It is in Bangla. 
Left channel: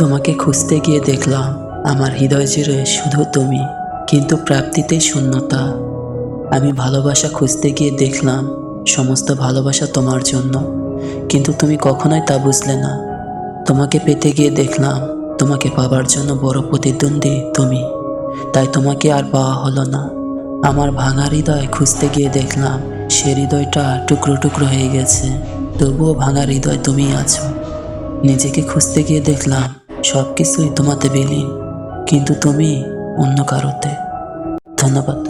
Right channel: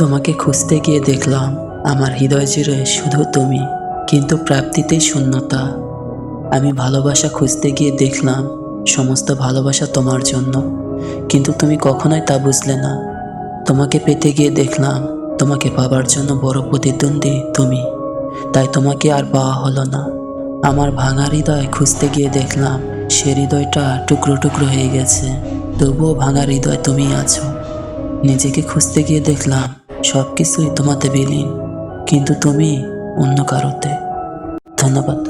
তোমাকে খুঁজতে গিয়ে দেখলাম, আমার হৃদয় জুড়ে শুধু তুমি, কিন্তু প্রাপ্তিতেই শূন্যতা। আমি ভালোবাসা খুঁজতে গিয়ে দেখলাম, সমস্ত ভালোবাসা তোমার জন্য, কিন্তু তুমি কখনোই তা বুঝলে না। তোমাকে পেতে গিয়ে দেখলাম, তোমাকে পাবার জন্য বড় প্রতিদ্বন্দ্বী তুমি। তাই তোমাকে আর পাওয়া হলো না। আমার ভাঙা হৃদয় খুঁজতে গিয়ে দেখলাম, সে হৃদয়টা টুকরো টুকরো হয়ে গেছে। তবুও ভাঙা হৃদয় তুমি আছো। নিজেকে খুঁজতে গিয়ে দেখলাম সব কিছুই তোমাতে বিলীন কিন্তু তুমি অন্য কারোতে। ধন্যবাদ।